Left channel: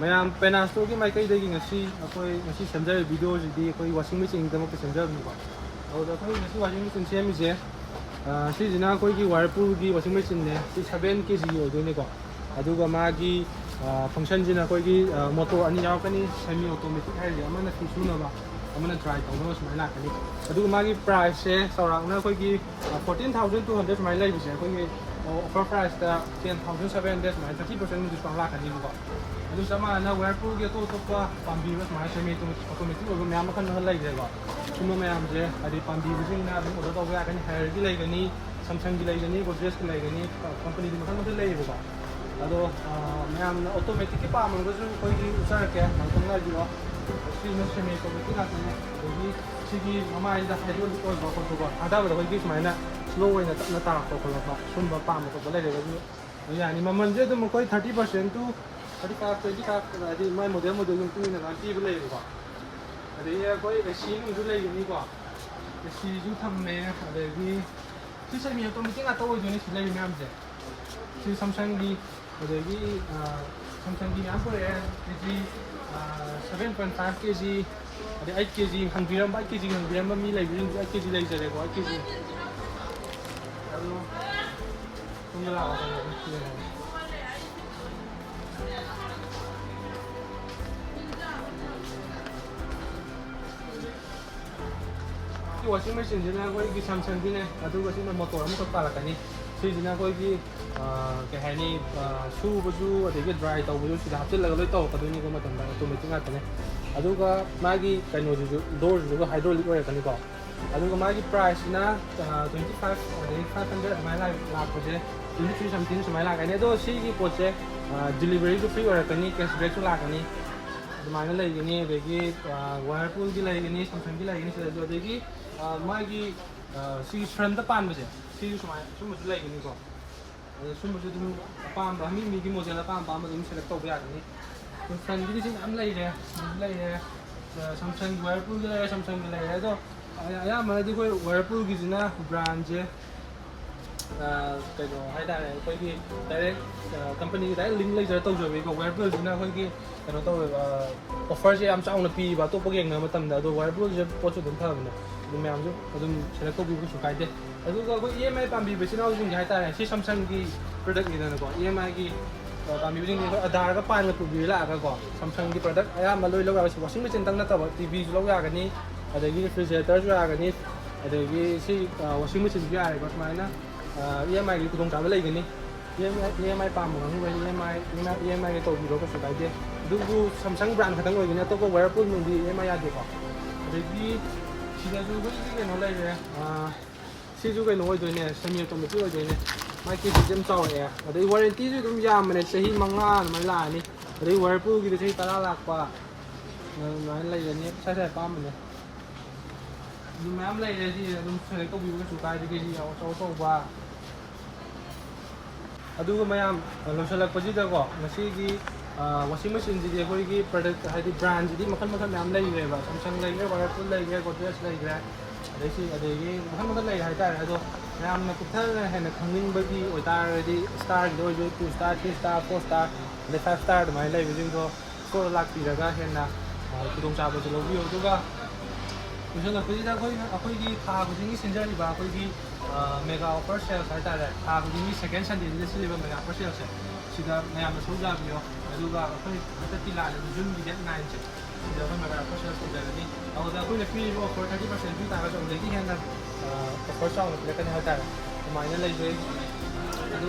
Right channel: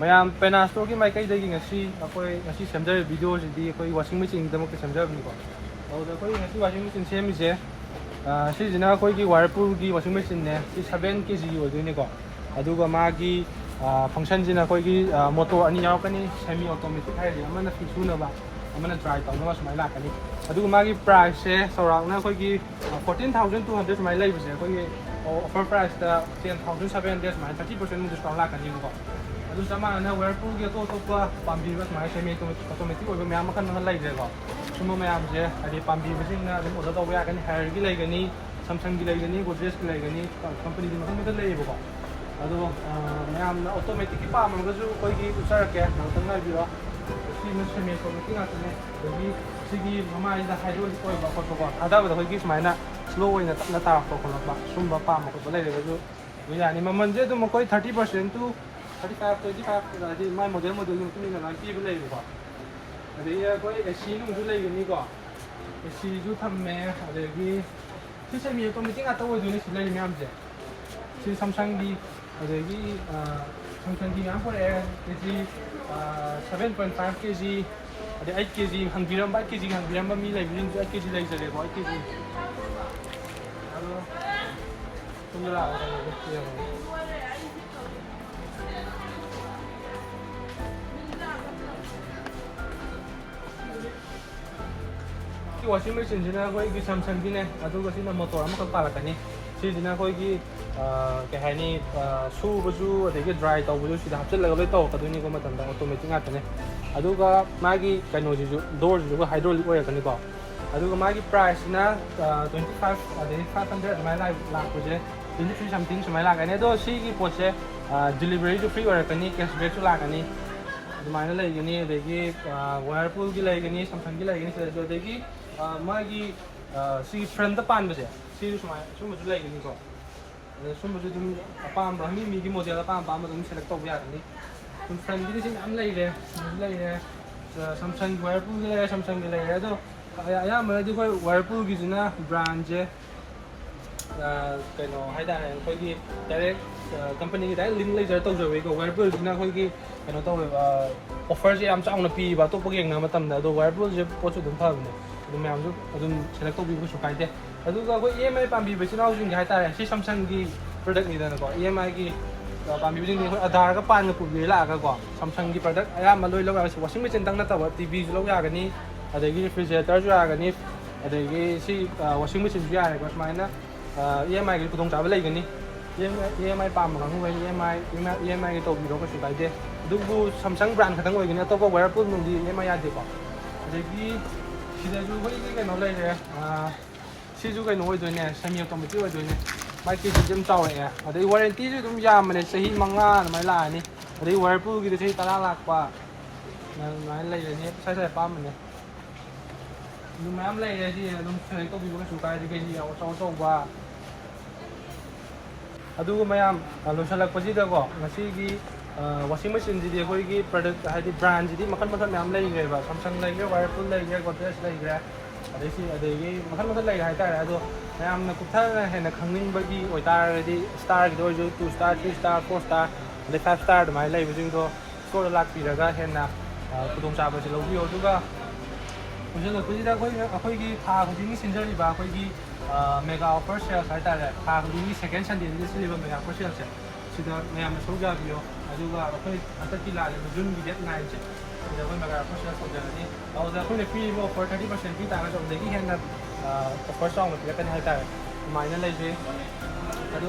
ꯃꯌꯥꯝ ꯄꯦꯅꯥ ꯁ꯭ꯇꯣꯔꯒꯤ ꯃꯥꯏꯀꯩꯗꯒꯤ ꯉꯁꯤ ꯁꯦꯝꯖꯔꯤꯕ ꯚꯤꯗꯤꯑꯣꯁꯤꯗꯤ ꯑꯩꯈꯣꯏ ꯋꯥꯁꯤꯡ ꯃꯦꯆꯤꯟꯒꯤꯗꯃꯛꯇ ꯁꯦꯝꯖꯕꯅꯤꯀꯣ ꯑꯗꯨꯗ ꯑꯩꯈꯣꯏ ꯉꯁꯤ ꯋꯥꯁꯤꯡ ꯃꯦꯆꯤꯟ ꯁꯦꯝꯃꯤꯁꯦ ꯁꯤꯁꯤꯅ ꯑꯩꯈꯣꯏꯒꯤ ꯋꯥꯔꯄꯨꯜꯒꯤ ꯋꯥꯁꯤꯡ ꯃꯦꯆꯤꯟꯅꯦ ꯁꯤ 7 kg ꯑꯣꯏꯗꯣꯏꯅꯤꯀꯣ ꯑꯗꯨꯒ ꯃꯥꯒꯤ ꯐꯪꯁꯟꯁꯤꯅ ꯑꯩꯈꯣꯏꯒꯤ ꯃꯣꯇꯣꯔ ꯑꯅꯤ ꯌꯥꯎꯔꯛꯀꯅꯤ ꯁꯦꯃꯤ ꯑꯣꯇꯣꯃꯦꯇꯤꯛ ꯍꯥꯏꯔꯤꯁꯦ ꯑꯃꯅ ꯐꯤ ꯁꯨꯅꯕ ꯑꯃꯅ ꯗ꯭ꯔꯥꯏ ꯇꯧꯅꯕ ꯁꯨꯃꯥꯏꯅ ꯂꯥꯛꯀꯅꯤ ꯑꯗꯨꯒ ꯃꯥꯒꯤ ꯄ꯭ꯔꯥꯏꯁꯁꯦ ꯆꯥꯎꯔꯥꯛꯅ ꯑꯩꯈꯣꯏꯒꯤ 14,200 ꯁꯨꯃꯥꯏꯅ ꯂꯩꯕꯁꯦ ꯑꯩꯈꯣꯏꯒꯤ ꯑꯣꯐꯔ ꯄ꯭ꯔꯥꯏꯁꯇ 10,700 ꯁꯨꯃꯥꯏꯅ 30% ꯃꯨꯛ ꯗꯤꯁꯀꯥꯎꯟ ꯂꯥꯛꯀꯅꯤꯕꯀꯣ ꯑꯗꯨ ꯆꯞ ꯃꯥꯟꯅꯅ ꯋꯦꯔꯄꯨꯜꯒꯤ ꯑꯇꯣꯞ ꯑꯇꯣꯞꯄ ꯄꯥꯝꯕꯤꯕ ꯁꯨꯃꯥꯏꯅ ꯁꯦꯃꯤ ꯑꯣꯇꯣꯃꯦꯇꯤꯛ ꯑꯣꯏꯕ ꯃꯌꯥꯝ ꯃꯈꯜ ꯑꯃ ꯂꯩꯈ꯭ꯔꯦꯀꯣ ꯁꯨꯝꯕ ꯃꯌꯥꯝꯁꯦ ꯍꯥꯏꯗꯤ ꯄꯥꯝꯕꯤꯕꯁꯤꯡꯅ ꯑꯗꯨꯝ ꯑꯣꯔꯗꯔ ꯇꯧꯕ ꯌꯥꯒꯅꯤ ꯍꯥꯏꯔꯒꯤ ꯂꯩꯒꯅꯤ ꯁꯝꯁꯪꯒꯤ ꯂꯩꯒꯅꯤ ꯒꯣꯗ꯭ꯔꯦꯖꯀꯤ ꯂꯩꯒꯅꯤ ꯀꯝꯄꯅꯤꯗꯤ ꯃꯈꯜ ꯃꯈꯜ ꯂꯩꯌꯦꯕꯀꯣ ꯑꯗꯣ ꯃꯌꯥꯝꯅ ꯑꯣꯇꯣꯃꯦꯇꯤꯛꯀꯤ ꯄꯥꯝꯃꯒꯁꯨ ꯑꯩꯈꯣꯏꯒꯤ ꯎꯠꯆꯔꯛꯀꯦ ꯉꯥꯛꯇꯪ ꯂꯩꯕꯤꯔꯣ ꯁꯤꯅ ꯁꯦꯃꯤ ꯑꯣꯇꯣꯃꯦꯇꯤꯛ ꯉꯥꯛꯇꯅꯦ ꯑꯗꯒꯤ ꯁꯤꯒꯤ ꯃꯃꯥꯏꯁꯤꯗ ꯍꯥꯏꯗ꯭ꯔꯣꯂꯤꯛ ꯑꯣꯏꯕ ꯈꯣꯠꯄꯀꯣ ꯊꯥꯗꯕꯗ ꯑꯩꯈꯣꯏꯒꯤ ꯁꯨꯃꯥꯏꯅ ꯁ꯭ꯂꯣ ꯑꯣꯏꯅ ꯇꯞꯅ ꯇꯥꯔꯛꯄ ꯈꯣꯠꯂꯛꯄ ꯁꯨꯝꯕ ꯄꯥꯝꯕ ꯈꯣꯠꯄ ꯂꯩꯔꯒꯁꯨ ꯑꯗꯨꯝ ꯌꯥꯅꯤ ꯃꯃꯜꯁꯦ ꯑꯗꯨꯝ ꯑꯩꯈꯣꯏ 30% to 35, 25 ꯍꯥꯏꯗꯤ ꯃꯥꯏ ꯃꯣꯗꯦꯜꯒꯤ ꯃꯇꯨꯡ ꯏꯟꯅ ꯑꯗꯨꯃꯥꯏꯅ ꯄꯤꯕ ꯂꯩꯌꯦꯕꯀꯣ ꯑꯗꯒꯤ ꯑꯩꯈꯣꯏ AC ꯅꯨꯡꯁꯨ ꯂꯩꯒꯅꯤꯀꯣ ACꯁꯨ ꯊꯝꯃꯦ ꯑꯗꯒꯤ ꯁꯤ ꯁꯦꯃꯤ ꯑꯣꯇꯣꯃꯦꯇꯤꯛ ꯉꯥꯛꯇ ꯑꯣꯏꯗꯣꯏꯅꯤ ꯁꯤ ꯂꯩꯔꯤ ꯃꯌꯥꯝꯁꯦ ꯁꯤ ꯁꯝꯁꯪꯒꯤ ꯑꯗꯒꯤ ꯁꯝꯁꯪꯒꯤ ꯃꯌꯥꯝ ꯄꯨꯔꯛꯑꯦ ꯀꯦꯖꯤ 7.5 kg ꯑꯗꯩ 8 kg ꯍꯪꯕꯤꯔꯝꯕ 8 kg ꯍꯪꯕꯤꯔꯝꯕ ꯃꯤ ꯂꯩꯕꯁꯤꯡꯁꯨ 8 kg ꯂꯩꯖꯔꯦꯀꯣ 8 kg ꯑꯗꯣ ꯁꯤꯅ ꯂꯥꯛꯑꯒ ꯋꯥꯁꯤꯡ ꯃꯦꯆꯤꯟꯁꯤꯅ ꯑꯩꯈꯣꯏꯒꯤ ꯁꯝꯁꯪꯒꯤꯅꯦ ꯑꯗꯨꯒ ꯁꯤꯅ ꯃꯣꯇꯣꯔ ꯑꯃꯈꯛ ꯄꯥꯜꯂꯛꯀꯅꯤ ꯁꯤꯁꯤꯅ ꯑꯩꯈꯣꯏꯒꯤ ꯀꯩ ꯍꯥꯏꯅꯤ ꯁꯨꯕꯁꯨ ꯑꯗꯒꯤ ꯗ꯭ꯔꯥꯏ ꯇꯧꯕꯁꯨ ꯁꯤꯗ ꯍꯥꯞꯆꯤꯜꯂꯒ ꯂꯣꯏ ꯇꯧꯔꯛꯀꯗꯣꯏꯅꯤꯀꯣ ꯃꯇꯝꯗ ꯑꯣꯇꯣꯃꯦꯇꯤꯛ ꯉꯥꯛꯇꯅꯦ ꯑꯗꯨꯒ ꯃꯥꯒꯤ ꯀꯩꯅꯣꯁꯤꯁꯨ ꯗꯣꯔꯁꯤꯁꯨ ꯍꯥꯏꯗ꯭ꯔꯣꯂꯤꯛ ꯑꯣꯏꯔꯛꯀꯅꯤꯀꯣ ꯑꯗꯨꯒ ꯃꯥꯒꯤ ꯄ꯭ꯔꯥꯏꯁꯁꯤꯅ 25 ꯑꯗꯒꯤ 500 ꯑꯗꯨꯃꯥꯏꯅ ꯂꯥꯛꯄꯁꯦ 23 something ꯁꯨꯃꯥꯏꯅ ꯂꯥꯛꯀꯅꯤ ꯑꯗꯣ ꯁꯤꯒꯤ ꯄꯣꯠꯁꯦ ꯗꯤꯂꯤꯚꯔꯤꯁꯨ ꯐ꯭ꯔꯤ ꯑꯣꯏꯔꯛꯀꯅꯤ ꯀꯦꯁꯕꯦꯛꯁꯨ ꯂꯥꯛꯀꯅꯤ ꯑꯗꯨꯃꯥꯏꯅ ꯂꯩꯒꯅꯤ ꯑꯗꯒꯤ ꯋꯥꯔꯄꯨꯜꯒꯤ ꯂꯩꯒꯅꯤ ꯁꯝꯁꯪꯒꯤ ꯂꯩꯒꯅꯤ ꯁꯤꯗꯁꯨ ꯑꯗꯒꯤ ꯃꯥꯒꯤ ꯁꯤꯒꯤ ꯐ꯭ꯔꯟꯗ ꯄꯥꯟꯕꯁꯦ ꯁꯤꯁꯨ ꯁꯨꯃꯥꯏꯅ ꯁꯨꯝꯕꯁꯨ ꯂꯩꯒꯅꯤꯀꯣ ꯑꯗ ꯁꯨꯝꯕꯁꯨ ꯑꯗꯨꯝ ꯑꯄꯥꯝꯕ ꯃꯤꯒꯤ ꯃꯣꯗꯦꯜ ꯑꯄꯥꯝꯕ ꯑꯗꯨꯝ ꯁꯦꯂꯦꯛ ꯇꯧꯕ ꯌꯥꯒꯅꯤ ꯐ꯭ꯔꯟꯒꯤꯗꯤ ꯁꯤ ꯃꯌꯥꯝ ꯂꯩꯔꯦ ꯂꯩꯔꯦ ꯁꯝꯁꯪꯒꯤ ꯋꯥꯔꯄꯨꯜꯒꯤ ꯂꯩꯔꯦ ꯁꯝꯁꯪꯒꯤ ꯂꯩꯔꯦ ꯑꯗꯣ ꯑꯌꯥꯝꯕꯅꯗꯤ ꯑꯩꯈꯣꯏ ꯋꯥꯔꯄꯨꯜꯒꯤꯁꯤꯅ ꯕ꯭ꯔꯥꯟꯁꯦ ꯀꯩꯅꯣ ꯍꯥꯏꯇꯥꯔꯦ ꯑꯩꯈꯣꯏꯒꯤ ꯗꯥꯏꯔꯦꯛ ꯀꯝꯄꯅꯤꯒꯤ ꯗꯥꯏꯔꯦꯛ ꯂꯤꯡ ꯂꯩꯖꯔ ꯇꯧꯖꯕꯒꯤꯀꯣ ꯋꯥꯔꯄꯨꯜꯁꯤꯅ ꯑꯩꯈꯣꯏꯒꯤ ꯀꯩꯅꯣ ꯇꯧꯋꯦꯕ ꯑꯣꯐꯔꯁꯦ ꯌꯥꯝ ꯆꯥꯎꯅ ꯄꯤꯕ ꯑꯇꯣꯞꯄꯒ ꯌꯦꯡꯅꯕ ꯃꯇꯝꯗ ꯑꯗꯣ ꯋꯥꯔꯄꯨꯜꯁꯦ ꯄꯣꯠꯁꯨ ꯑꯗꯨꯝ ꯐꯕꯅꯦ ꯑꯗꯨꯝ ꯃꯌꯥꯝꯁꯨ ꯑꯗꯨꯝ ꯁꯦꯂꯦꯛ ꯇꯧꯕꯤꯕ ꯀꯩꯁꯨ ꯀꯥꯏꯗꯦ ꯑꯗꯨꯒ ꯑꯩꯈꯣꯏ EMI ꯄꯥꯝꯕꯤꯕ ꯏꯆꯤꯜ ꯏꯅꯥꯎꯁꯤꯡꯒꯤ ꯍꯥꯏꯇꯥꯔꯦ ꯁꯤ ꯁꯝꯁꯪꯒꯤ ꯄ꯭ꯔꯗꯛꯅꯤꯗꯅꯀꯣ EMIꯒꯤ ꯄꯥꯝꯕꯤꯕꯁꯤꯡꯁꯤ ꯑꯩꯈꯣꯏ ꯑꯙꯥꯔꯒ ꯄꯥꯟꯒ ꯄꯨꯕꯤꯔ ꯂꯥꯛꯑꯒꯀꯣ ꯁꯝꯁꯪꯒꯤ ꯄ꯭ꯔꯗꯛ ꯑꯌꯥꯝꯕ ꯂꯣꯏ ꯂꯧ ꯌꯥꯒꯅꯤ ꯋꯥꯁꯤꯡ ꯃꯦꯆꯤꯟꯗꯪ ꯅꯠꯇꯕ ꯇꯤꯚꯤꯁꯨ ꯂꯧ ꯌꯥꯒꯅꯤ ꯑꯗꯒꯤ ꯔꯤꯐ꯭ꯔꯤꯖꯔꯦꯇꯔꯁꯨ ꯌꯥꯒꯅꯤ ꯑꯗꯒꯤ ꯁꯤ ꯋꯥꯁꯤꯡ ꯃꯦꯆꯤꯟꯁꯨ ꯌꯥꯔꯦꯀꯣ ꯁꯨꯃꯥꯏꯅ EMIꯒꯤ ꯈꯨꯗꯣꯡꯆꯥꯕ ꯂꯩꯒꯅꯤ EMI ꯄꯥꯝꯕ ꯀꯥꯡꯕꯨꯈꯩ EMI ꯇꯧꯕꯤꯔꯣ ꯀꯩꯁꯨ ꯀꯥꯏꯗꯦ ꯑꯗꯨꯕꯨ ꯁꯝꯁꯪ ꯕ꯭ꯔꯥꯟ ꯈꯛꯇꯪ ꯑꯣꯏꯒꯅꯤ ꯑꯇꯣꯞꯄ ꯋꯦꯔꯄꯨꯜ ꯅꯨꯡꯗꯤ EMI ꯌꯥꯗꯦꯀꯣ ꯑꯗꯒꯤ ꯁꯤꯗꯁꯨ ꯑꯩꯈꯣꯏꯒꯤ ꯀꯩꯅꯣ ꯂꯩꯔꯦ ꯁꯤꯁꯨ ꯀꯩꯅꯣ ꯑꯣꯏꯗꯣꯏꯅꯦ ꯁꯦꯃꯤ ꯑꯣꯇꯣꯃꯦꯇꯤꯛ ꯑꯣꯏꯗꯣꯏꯅꯦ ꯃꯥꯏ ꯀꯦꯖꯤꯁꯨ ꯑꯗꯨꯝ ꯆꯥꯎꯔꯛꯑꯦ ꯑꯗꯩ ꯋꯥꯔꯦꯟꯇꯤꯁꯨ ꯑꯗꯨꯝ ꯌꯥꯝꯕꯅꯦ ꯆꯍꯤ 5 ꯑꯗꯨꯃꯥꯏꯅ ꯂꯥꯛꯑꯅꯤ ꯑꯗꯩ ꯋꯥꯔꯄꯨꯜꯒꯤꯗꯤ ꯆꯍꯤ 10 ꯂꯥꯛꯄ ꯑꯗꯨꯃꯥꯏꯅ ꯂꯩꯔꯅꯤ ꯁꯥꯏ ꯑꯄꯥꯝꯕꯅꯦ ꯑꯗꯨ ꯃꯌꯥꯝ ꯂꯩꯔꯦ ꯁꯤ ꯑꯗꯨꯝ ꯁꯦꯂꯦꯛ ꯇꯧꯕꯤꯕ ꯀꯩꯁꯨ ꯀꯥꯏꯗꯦ ꯀꯦꯖꯤ ꯑꯆꯧ ꯑꯆꯧꯕ ꯑꯗꯨꯒ ꯃꯌꯥꯝ ꯂꯣꯏꯁꯤꯜꯂꯛꯄꯁꯤꯗꯀꯣ ꯉꯁꯤꯒꯤ ꯋꯥꯁꯤꯡ ꯃꯦꯆꯤꯟꯁꯤꯗꯤ ꯑꯩꯈꯣꯏꯒꯤ ꯄ꯭ꯔꯗꯛ ꯍꯥꯏꯗꯤ ꯕ꯭ꯔꯥꯟꯁꯤꯗꯤ ꯃꯈꯜ ꯃꯌꯥꯝ ꯂꯩꯈ꯭ꯔꯦꯕ ꯁꯝꯁꯪ ꯂꯩꯈ꯭ꯔꯦ ꯋꯥꯔꯄꯨꯜ ꯂꯩꯈ꯭ꯔꯦ ꯒꯣꯗ꯭ꯔꯦꯖ ꯂꯩꯈ꯭ꯔꯦ ꯑꯗꯒꯤ ꯃꯈꯜ ꯂꯩꯔꯦ ꯍꯥꯏꯇꯥꯔꯦ ꯑꯗꯣ ꯃꯌꯥꯝꯅ ꯀꯨꯞꯊꯅ ꯍꯦꯟꯅ ꯈꯪꯅꯤꯡꯕꯒꯤ ꯑꯣꯏꯇꯥꯔꯒꯗꯤ ꯁ꯭ꯇꯥꯔꯒꯤꯗ ꯑꯣꯏꯔꯁꯨ 2 star 3 star 4 star ꯑꯗꯩ 5 star ꯑꯗꯨꯃꯥꯏꯅ ꯂꯩꯕꯁꯤꯡꯗꯣ ꯁ꯭ꯇꯣꯔꯗ ꯂꯥꯛꯄꯤꯔꯒ ꯍꯦꯟꯅ ꯈꯨꯗꯣꯡꯆꯥꯕꯁꯤ ꯂꯧꯕꯤꯌꯣ ꯑꯗꯨꯒ ꯂꯣꯏꯁꯤꯜꯂꯛꯄꯁꯤꯗ ꯑꯩꯈꯣꯏꯒꯤ ꯊꯥ ꯈꯨꯗꯤꯡꯒꯤ ꯁꯤꯟꯖꯔꯤꯕ ꯑꯩꯈꯣꯏꯒꯤ ꯃꯦꯒꯥ ꯑꯣꯐꯔ ꯁꯦꯜꯁ ꯍꯥꯏꯇꯥꯔꯦ ꯊꯥ ꯈꯨꯗꯤꯡꯒꯤ ꯁꯦꯀꯦꯟ ꯁꯟꯗꯦꯁꯤꯗ ꯁꯤꯜꯂꯤꯕ ꯃꯦꯒꯥ ꯑꯣꯐꯔ ꯁꯦꯜꯁꯦ ꯁꯤꯗ ꯃꯌꯥꯝꯅ ꯁꯔꯨꯛ ꯌꯥꯕꯤꯌꯣ ꯑꯗꯨꯒ ꯑꯩꯈꯣꯏ ꯍꯟꯗꯛꯀꯤ ꯂꯥꯛꯂꯤꯕ ꯖꯨꯟꯒꯤ ꯗꯦꯠ 9ꯁꯦ ꯁꯤꯗ ꯑꯩꯈꯣꯏ ꯃꯦꯒꯥ ꯑꯣꯐꯔ ꯁꯦꯜꯁ ꯇꯧꯖꯒꯅꯤ ꯑꯗꯨꯗ ꯑꯩꯈꯣꯏꯅ ꯄꯤꯔꯤꯕ ꯑꯣꯐꯔ 30% ꯄꯤ ꯇꯥꯔꯒꯁꯨ ꯑꯗꯨꯗꯒꯤ ꯍꯦꯟꯅ ꯑꯣꯐꯔ ꯆꯥꯎꯅ ꯄꯤꯔꯛꯀꯅꯤ ꯍꯥꯏꯇꯥꯔꯦ ꯑꯗꯨꯃꯥꯏꯅ ꯂꯩꯖꯩ ꯑꯗꯨ